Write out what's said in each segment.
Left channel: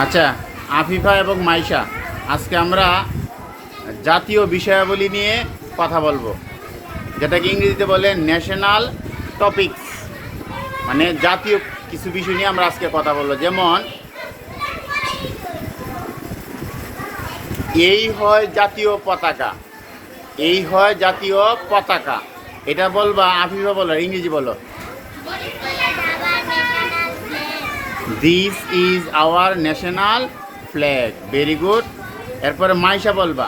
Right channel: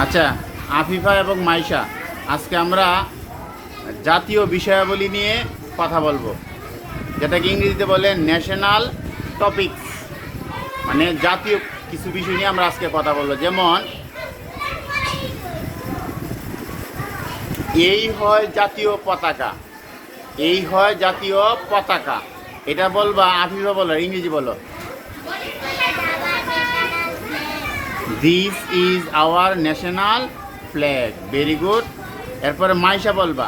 আচ্ছা, আফিফা এবং মাইশা, আজকে আমরা জাতীয় বিষয়াবলী নিয়ে কথা বলবো, যেটাকে ইংরেজিতে বলে ন্যাশনাল টপিকস। মানে জাতীয় কিছু বিষয় নিয়ে আমরা আজকে কথা বলবো। যেমন এই হয় জাতীয় পতাকা, এই হয় জাতীয় পতাকা। এটা বলবা, আফিফা বলো, ইংরেজি বলো। This is our national flag. Very good. এরপরে মাইশা বলবা,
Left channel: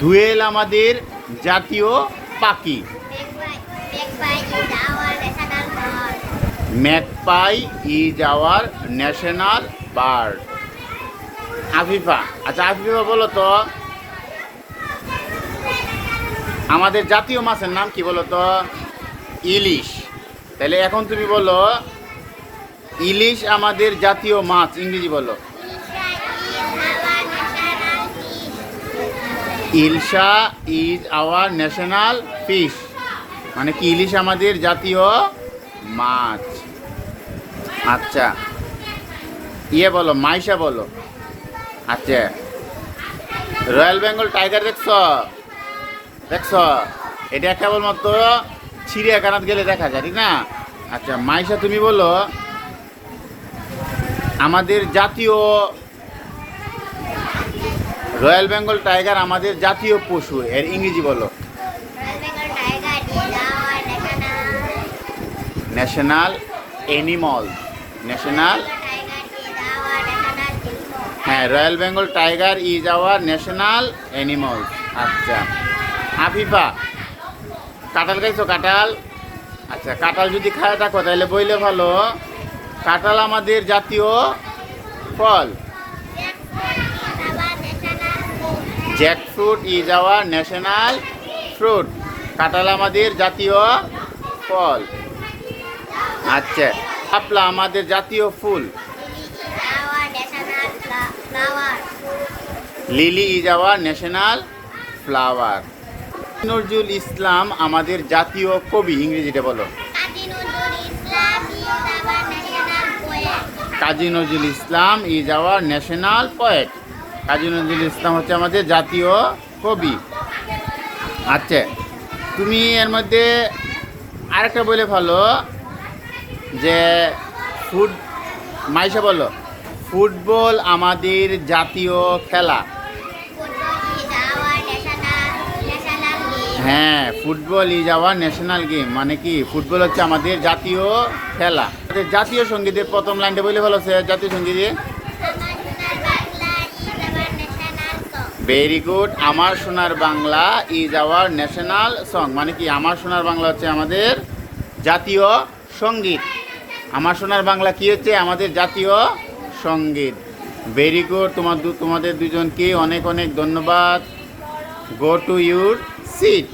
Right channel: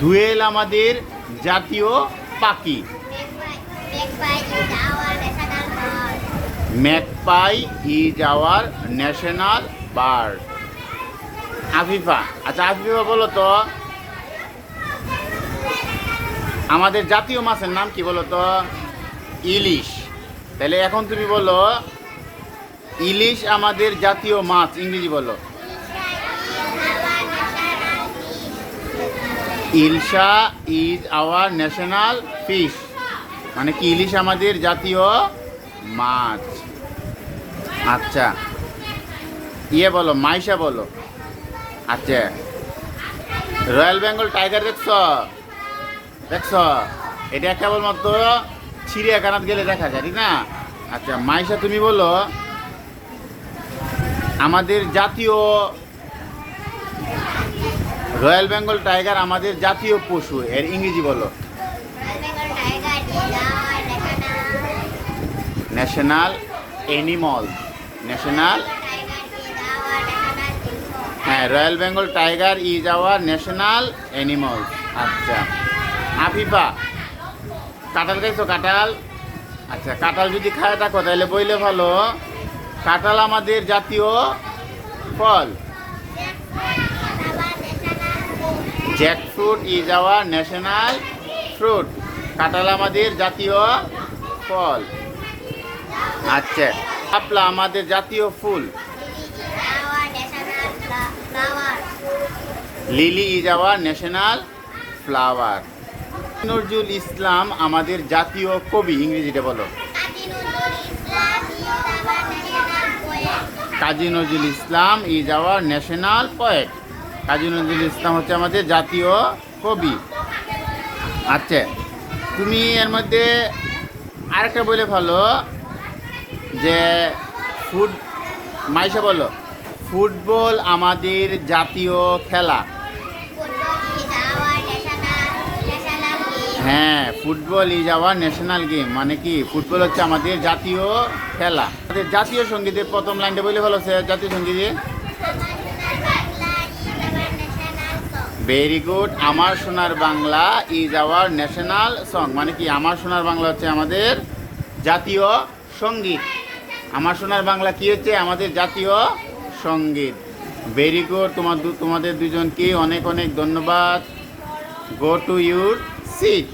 দোয়েল আমাদের জাতীয় পাখি। Magpie is our national bird. Afifa, আচ্ছা আফিফা বলো তো, আমাদের জাতীয় মাছের নাম কি বলো তো? ইলিশ। তাহলে এখন তুমি বলো, ইলিশ আমাদের জাতীয় মাছ, ইংরেজি বলো। Ilsha is our national fish. মানে কি, ইলিশ আমাদের জাতীয় মাছ। আচ্ছা, ইয়ে বলো, মাইশা বলো। আচ্ছা, রয়্যাল বেঙ্গল টাইগার দেখছ? দেখছ? এটা কেবলমাত্র চিড়িয়াখানাত গেলে দেখা যায়, ঠিক না? আচ্ছা মাইশা, তুমি বলো, আমাদের জাতীয় রয়্যাল বেঙ্গল টাইগার আমাদের জাতীয় পশু, এর ইংরেজি বলো। National animal. ন্যাশনাল, হ্যাঁ, royal Bengal tiger is our national animal. আচ্ছা আফিফা, কাঁঠাল খাইছো? কাঁঠাল, আচ্ছা কাঁঠাল যদি খায় থাকো তাহলে বইলে ভালো, কাঁঠাল আমাদের জাতীয় ফল। Jackfruit is our national fruit. কাঁঠাল আমাদের জাতীয় ফল। আচ্ছা, শাপলা আমাদের জাতীয় ফুল। Lily is our national flower. Nazrul Islam আমাদের জাতীয় কবি, ইংরেজিতে বলো। Kazi Nazrul Islam is our national poet. Kazi Nazrul Islam হচ্ছে আমাদের জাতীয় কবি। আচ্ছা, তুমি এর মধ্যে আরেকটা বলে ভালো যে মাইশা বলো, ফুটবল আমাদের জাতীয় খেলা। হ্যাঁ, football is our national game. মানে কি, ফুটবল হচ্ছে আমাদের জাতীয় খেলা। জাতীয় সঙ্গীতের প্রথম লাইনটা বলে ভালো, জাতীয় সঙ্গীতে। Very good. আমার সোনার Bangla is our national song. মানে কি, আমার সোনার বাংলা হচ্ছে আমাদের জাতীয় সঙ্গীত। আমার সোনার বাংলা কি হচ্ছে? আমাদের জাতীয় সঙ্গীত। Very good. তোমাদের দুজনকে অনেক অনেক ধন্যবাদ। Go to your seat.